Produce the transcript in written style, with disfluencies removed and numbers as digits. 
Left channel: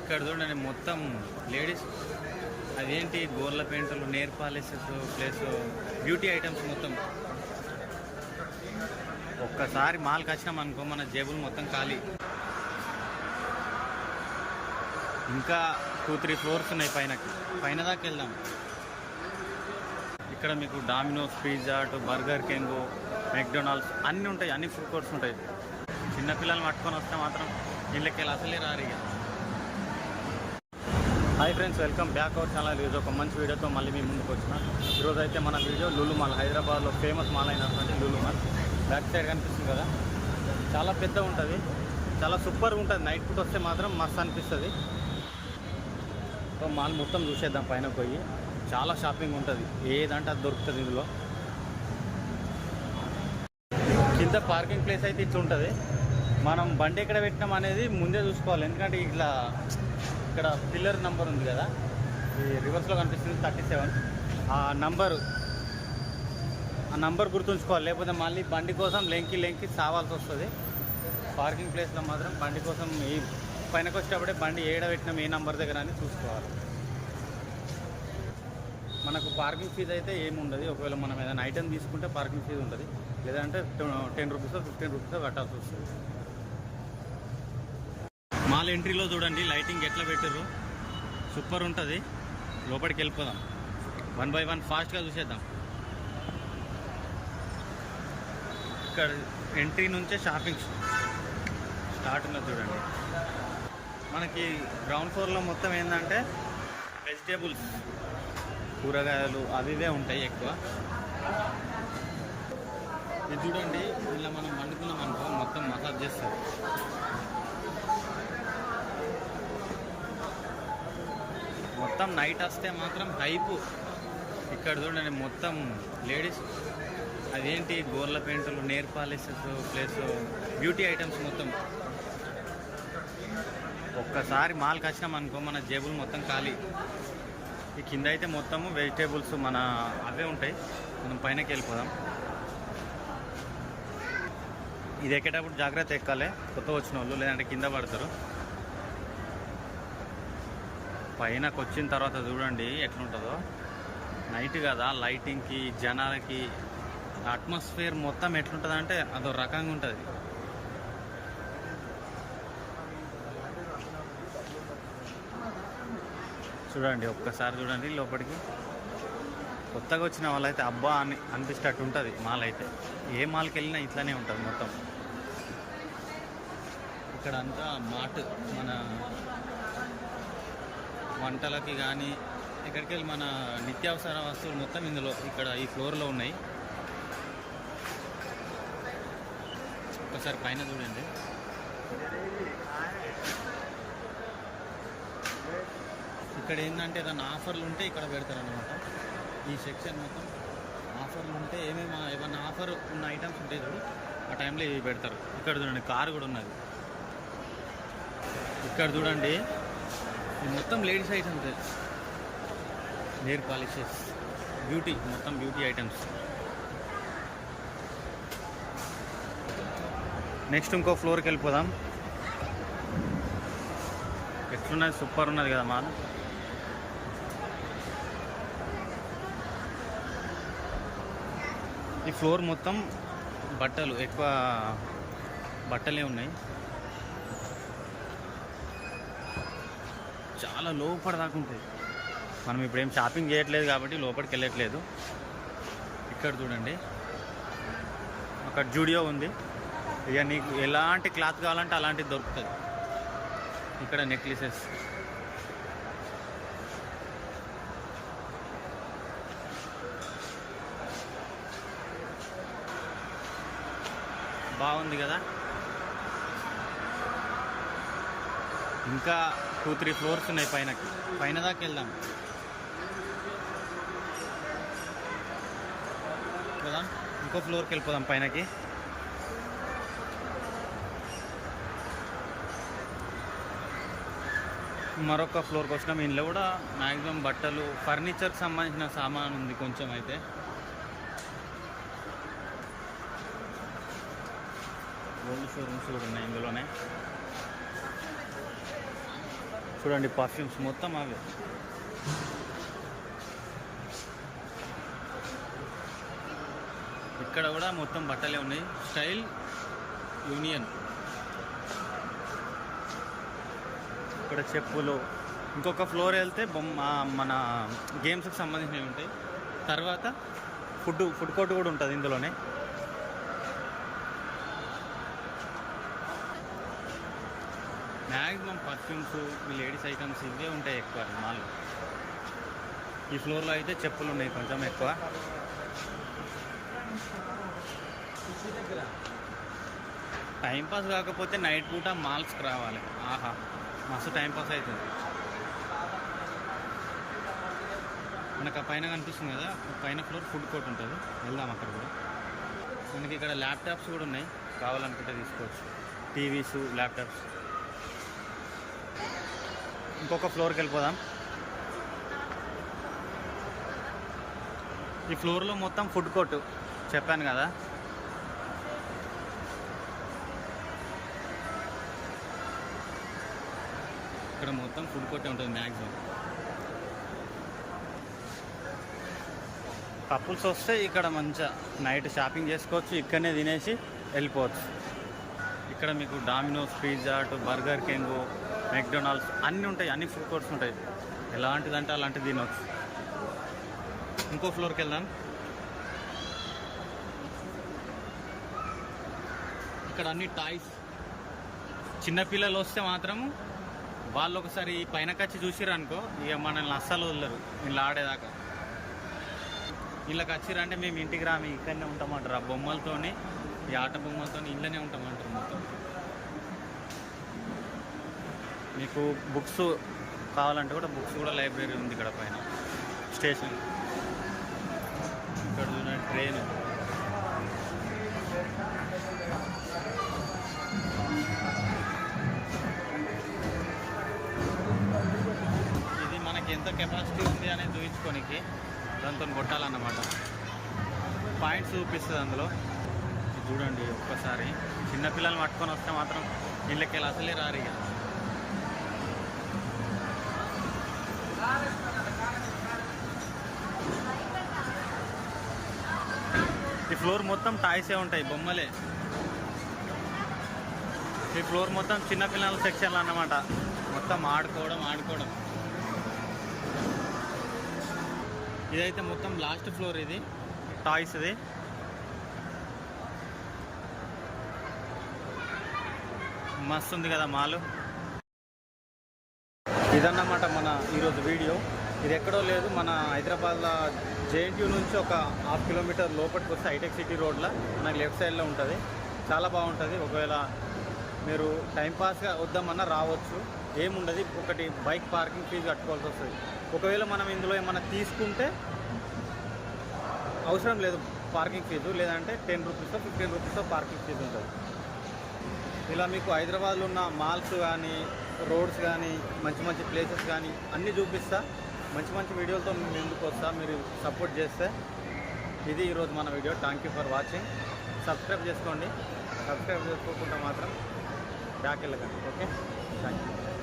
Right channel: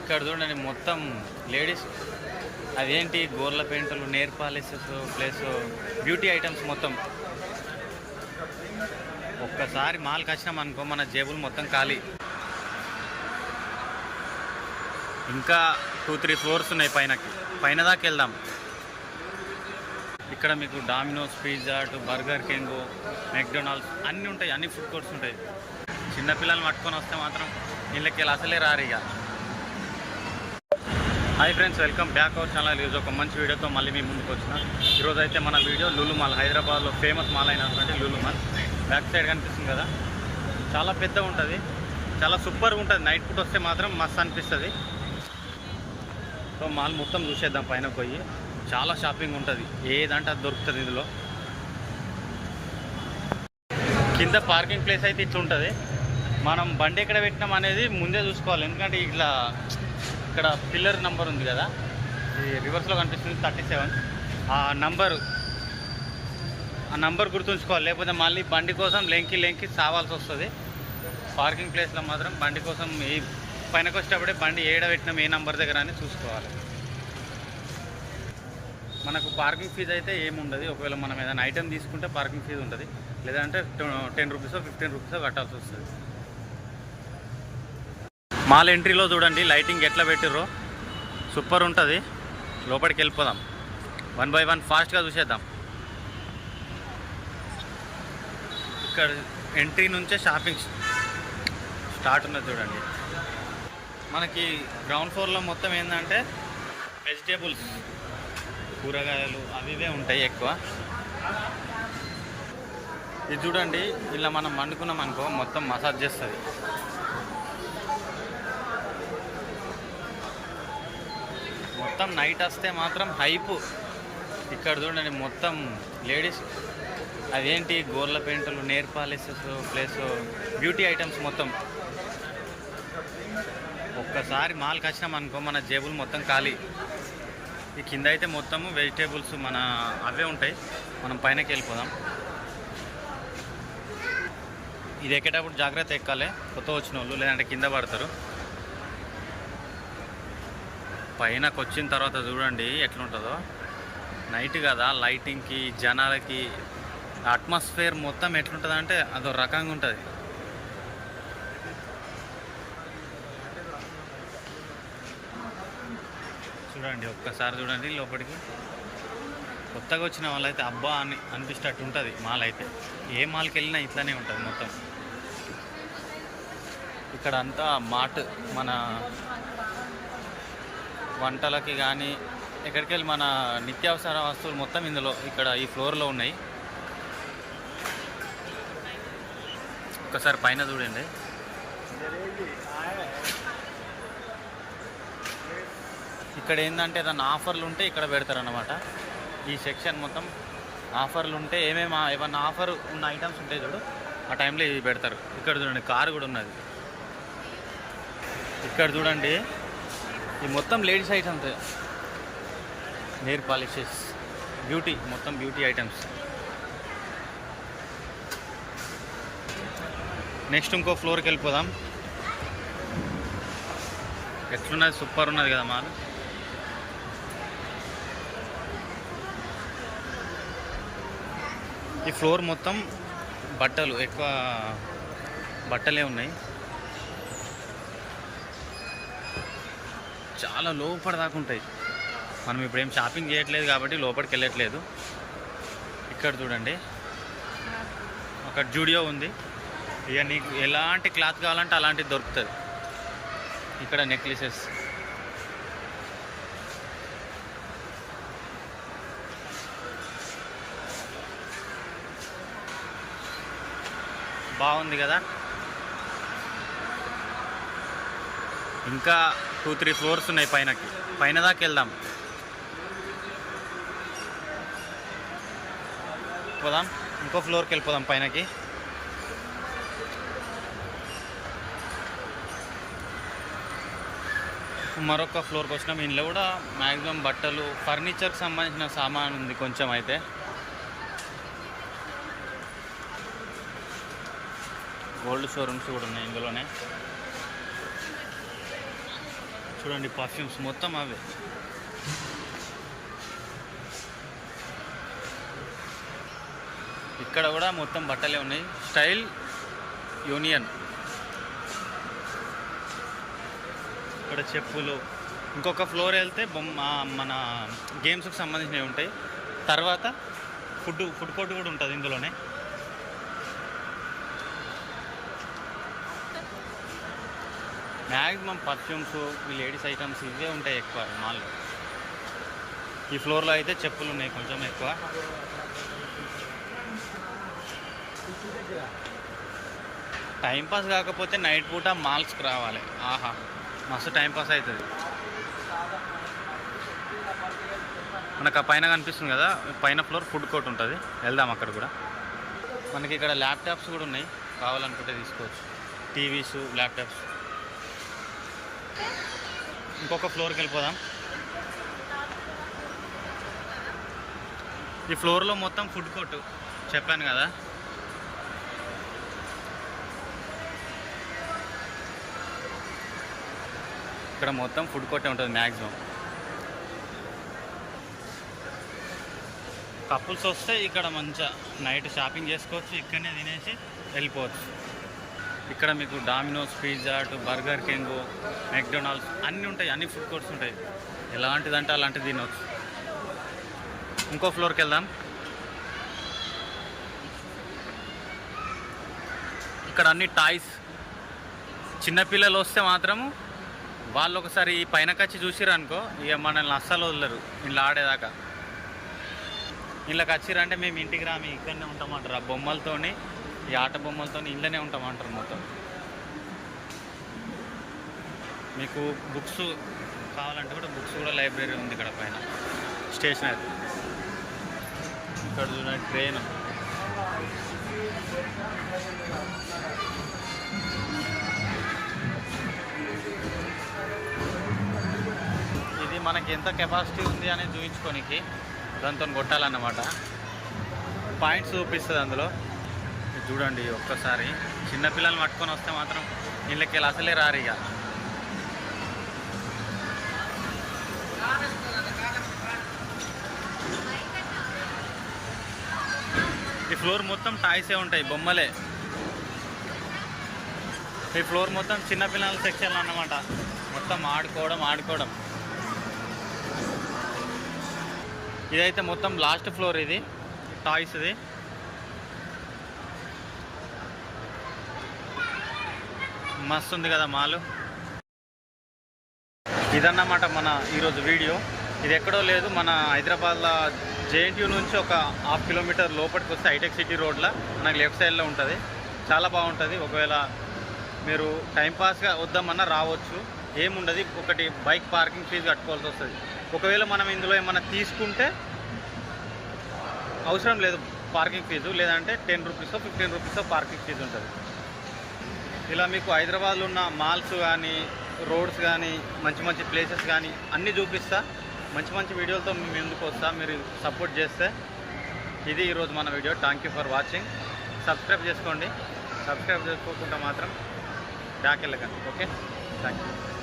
ఇక్కడ చూడండి మొత్తం లేడీస్ అదేంటి గోర్ల పెయింటలు, నేర్ పాలిసెస్ ప్లస్ బ్యూటీ ఐటమ్స్ మొత్తం. ఒక్కసారి మాల్కి వచ్చినాం అనుకో మన జేబులు మొత్తం ఖాళీ. ఇంకా 2-3 ఫ్లోర్స్ ఉన్నాయి పైన దాకా వెళ్దాం. ఇక్కడ మీకు dominoes, pizza, burger king, McDonald's అన్నీ ఉంటాయి, అన్ని ఫుడ్ కోర్ట్స్ ఉంటాయి. చిన్నపిల్లల్ని పట్టుకొని వస్తే మాత్రం వీళ్ళకి అసలే రారు ఇక. Hi friends, welcome back our channel. ఈరోజు ఒక మంచి వీడియోతో మళ్ళీ మీ ముందుకు వచ్చిన. ఈరోజు అయితే మన వీడియో లులు మాల్, హైదరాబాద్లో ఫేమస్ మాల్ అయినటువంటి లులు మాల్. బ్యాక్ సైడ్ కనిపిస్తుంది కదా, చాలా పెద్దగా ఉంటుంది, చాలా సూపర్గా ఉంటుంది. నైట్ పూట వస్తే మాత్రం మస్తు అనిపిస్తుంది. సో మాల్ మొత్తం చూసేద్దాం పైన పోయి. చాలా షాపింగ్ ఉంటుంది, ఏదంటే అది దొరుకుతుంది ఇందులో. కింద పార్కింగ్ ప్లేస్ అయితే ఇట్లా ఉంటుంది. మనం బండి ఎక్కడ పెట్టినాం అనేది ముందే చూసుకోవాలి, ఎందుకంటే ఇక్కడ పిల్లర్ నెంబర్ ఉంది కదా, ఈ రివర్స్లో కనిపిస్తుంది 37. ఆ నంబర్ గుర్తుంచుకోవాలి, లేకపోతే మళ్ళీ బండి కోసం లెంకి సావాల్సి వస్తుంది. పార్కింగ్ ప్లేస్లో మాత్రం బండి కోసం ఈ పైనకు వచ్చేటప్పుడే బండి ఏడ పెట్టినాం, ఏ నంబర్ దగ్గర అని చూసుకోవాలి. మనకు పార్కింగ్ ఫీజు అయితే ఏముండదు. ఒకవేళ మనం ఏదైనా ఐటెం తీసుకుంటే పార్కింగ్ ఫీజు ఉంటుంది, లేదంటే 10 రూపీసో 15 రూపీసో కట్టాల్సి వస్తుంది. మాల్ ఎంట్రీలో చూడండి లైటింగ్ ఎట్లా పెట్టిర్రో, సూపర్ ఉంటుంది. లోపలికి వెళ్ళిపోదాం, 1 by 1 ఫాస్ట్గా చూసేద్దాం. ఇక్కడ ఎంట్రీ నుంచే షాపింగ్ స్టార్ట్ ఉన్నది చూడండి. మనకి గ్రౌండ్ ఫ్లోర్లో మొత్తం ఏంటంటే వెజిటేబుల్స్, కూరగాయలు అవి ఇవే ఉంటాయి ఎక్కువ. ఇది చూడండి, ఇలా మనం వండుకున్నాం అనుకో మొత్తం మసాజ్ చేస్తుంది. మొత్తం నైట్ వస్తే మాత్రం హైపు. ఇక్కడ చూడండి మొత్తం లేడీస్ అదేంటి గోర్ల పెయింటలు, నేర్ పాలిసెస్ ప్లస్ బ్యూటీ ఐటమ్స్ మొత్తం. ఒక్కసారి మాల్కి వచ్చినాం అనుకో మన జేబులు మొత్తం ఖాళీ. ఈ కింద అయితే మొత్తము వెజిటేబుల్స్ మన అవే ఉంటాయి. మనం పైనకి వెళ్ళిపోదాం. ఇది ఎక్కేటప్పుడు జాగ్రత్త ఎక్కాలి, కొత్త వచ్చిన వాళ్ళు, లేదంటే కింద పడతారు. పైనకు వచ్చిన తర్వాత చూడండి ఎట్లుంటుందో. నైట్ కదా, లైటింగ్కి జనాలకి అట్మాస్ఫియర్ మొత్తం ఎట్లుంటుంది అంటే అదో రకంగా ఉంటుంది. చూడండి ఒక్కసారి చూడండి లోపలికి. కొత్తగా వచ్చిన వాళ్ళైతే అబ్బా అని అనిపిస్తట్టు ఉంటుంది మాల్ అయితే. ఏ మాల్కి వెళ్ళినా ఇట్లానే ఉంటుంది మొత్తం. ఇక్కడ అంతా మార్ట్, మన వంటలకి కానీ ఎక్కడికి వెళ్ళి మన నిత్యావసర వస్తువులు మొత్తం ఇందులో ఇక్కడ ఈ ఫ్లోర్లో ఉన్నాయి. ఒక్కసారి పైన చూడండి. ఇక్కడ ఏంటంటే ఏదైనా ఆఫర్లు ఉంటే ఇక్కడ పెడతారన్నమాట. ఈ సెక్షన్ మొత్తం ఆఫర్లు ఉంటే ఏమన్నా ఆఫర్ ఉన్న ఐటమ్స్ ఉంటాయి చూడు, ఆ టైంలో ఇవి పెడతారు. ఇక్కడ చూడండి కారు కూడా ఉన్నది. ఇక్కడ చూడండి ఈ మొత్తం లేడీస్ ఐటమ్స్, నేర్ పాలిషెస్, బ్యూటీ, మొత్తం బ్యూటీ ఐటమ్స్. నెక్స్ట్ ఇంకో ఫ్లోర్కి వెళ్ళిపోదాం. ఎట్లున్నది, సూపర్ ఉన్నది కదా మాల్. ఈ ఫ్లోర్ మొత్తం బట్టలు, ఎక్కువ బట్టలే ఉన్నాయి. చాలా లోపల దాకా ఉంటాయి. మనం ఇప్పుడు ఏం షాపింగ్ చేయట్లేదు కాబట్టి లోపలికి వెళ్ళట్లేదు. ఇక్కడ చూడండి అక్కడ జూడియో ఉంది. ఇక నీకు ఎలాంటి క్లాత్ కావాలంటే అలాంటిది దొరుకుతుంది. ఇక్కడ నెక్లెసెస్, బాగుంది కదా. ఇంకా 2-3 ఫ్లోర్స్ ఉన్నాయి పైన దాకా వెళ్దాం. పోదాం, ఇంకో ఫ్లోర్కి వెళ్ళిపోదాం పైనకి. మరొక ఫ్లోర్కి వచ్చినాం. ఇంట్లో కూడా మ్యాక్సిమం బట్టలు, ఫర్నిచర్కి సంబంధించిన సామాన్ ఉంది కొంచెం. అయితే గోల్డ్ షోరూమ్స్ కూడా ఉన్నాయి ఇందులోనే. చూడండి పర్ఫ్యూమ్స్ మొత్తం అవే. ఇక్కడ కూడా మొత్తం బట్టలే ఉన్నాయి. Style union. ఇక్కడ చెప్పులు. ఇంకొక ఫ్లోర్ వెళ్తే మన గేమ్స్కి సంబంధించినవి ఉంటాయి. తర్వాత ఫుడ్ కోర్ట్ కూడా ఉంటుంది ఇందులోనే. మ్యాక్సిమం పర్ఫ్యూమ్స్, ఈ లేడీస్ ఐటమ్స్ ఇవే ఉంటాయి ఎక్కువ మాల్లో. ఈ ఫ్లోర్లో అయితే చెప్పులు ఉన్నాయి కొంచెం ఎక్కువ. టైంపాస్ కాకపోతే నైట్ పూట మాల్స్కి రావాలి. ఆహా, మస్తు టైంపాస్ అవుతుంది. మనకు ఆ పైన కనిపిస్తుంది కదా, పైన ఫ్లోర్ ఫుడ్ కోర్ట్ ఉంటుంది. వెళ్దాం అక్కడ కూడా. మనకి ఇక్కడ ల్యాప్టాప్స్ కూడా ఉన్నాయి, కావాలనుకుంటే తీసుకోవచ్చు. TVs, laptops. ఇంకొక ఫ్లోర్కి వెళ్ళిపోదాం. ఈ ఫ్లోర్లో మొత్తం ఫుడ్ కోర్టు చెప్పాను కదా. ఇక్కడ మొత్తం ఫుడ్ కోర్టే ఉంటుంది మ్యాక్సిమం. కపుల్స్ వస్తే ఇక్కడ మంచిగా నైట్ షాపింగ్ చేసుకోవచ్చు, ఇక్కడనే తినేసి వెళ్ళిపోవచ్చు. ఇక్కడ మీకు dominoes, pizza, burger king, McDonald's అన్నీ ఉంటాయి. అన్ని ఫుడ్ కోర్ట్స్ ఉంటాయి. ఎలాంటిదంటే అలాంటిది తినవచ్చు. ఇంకో ఫ్లోర్కి వెళ్దాం. ఇక్కడ అన్ని టాయ్స్. చిన్నపిల్లలు వస్తే మాత్రము వాళ్ళు ఒకసారి పైనకి వచ్చి చూసిర్రు అనుకో, ఇక మనల్ని అస్సలు వదలరు ఇలా ఆడేదాకా. ఇళ్ళకి వచ్చిర్రంటే మేము ఇంటికి రామి ఇక్కడనే ఉంటామంటారు. ఆ బొమ్మలతోని, ఈ ఆట బొమ్మలతోని ఇళ్ళనే ఉంటామంటారు మొత్తం. మీకు బుక్స్ కావాలంటే కూడా బుక్స్ కూడా లైబ్రరీ ఉంది ఇక్కడ పైన. స్టేషనరీ. ఇక్కడ చూడండి ట్రైన్. ఇది మనకి ఎంత కెపాసిటీ ఉంది అనేది చూపించుకోనికి దాంతో కొట్టాలన్నమాట. పాయింట్స్ చూపిస్తుంది అందులో. చూడండి ఒక్కసారి. చిన్నపిల్లల్ని పట్టుకొని వస్తే మాత్రం వీళ్ళకి అసలే రారు. ఇక ఈ ఫ్లోర్ మొత్తం టాయ్సే ఉంటాయి, బొమ్మలే. ఈ ఫ్లోర్ మొత్తం చిన్నపిల్లల సెక్షన్ అన్నమాట. మొత్తం ఆడుకోవడం. ఇదైతే మొత్తం లాస్ట్ ఫ్లోర్. ఇది టాయ్స్ది. మస్తు ఉంది కదా మాలు. ఇదన్నమాట మన ఈరోజు వీడియో. ఇది ఎక్కడో లేదు, మన హైదరాబాద్లో జేఎన్టీయూ నుంచి ఒక 1/2 కిలోమీటర్ లోపలికి వస్తే హైటెక్ సిటీ రోడ్లో మనకి లెఫ్ట్ సైడ్లో ఉంటుంది. చాలా బాగుంటుంది. ఒకవేళ మీరు టైంపాస్గా వద్దామన్నా రావచ్చు, ఏముండదు. ఒకటి బైక్ పార్కింగ్ ఫీజు కట్టుకోవాల్సి వస్తుంది. ఒకవేళ మనం ఇందులో ఏమన్నా తీసుకుంటే అవసరం లేదు పార్కింగ్ ఫీజు, లేదంటే 10 రూపీసో 15 రూపీసో పార్కింగ్ ఫీజు ఉంటుంది. ఇలా మీకు హైదరాబాద్లో ఉన్న మాల్స్ కానీ, రోడ్స్ కానీ, మంచి ప్లేసెస్ కానీ అన్నీ చూపిస్తా. మంచి వీడియోలతో మేము ఎందుకు వస్తా, మీరు సపోర్ట్ చేస్తే. ఇది ఈరోజు మన video. Thank you for watching. Subscribe చేసుకోండి. సబ్స్క్రైబ్ చేసుకోకుండా మాత్రం బ్యాక్ వెళ్ళకండి. Okay, thank you.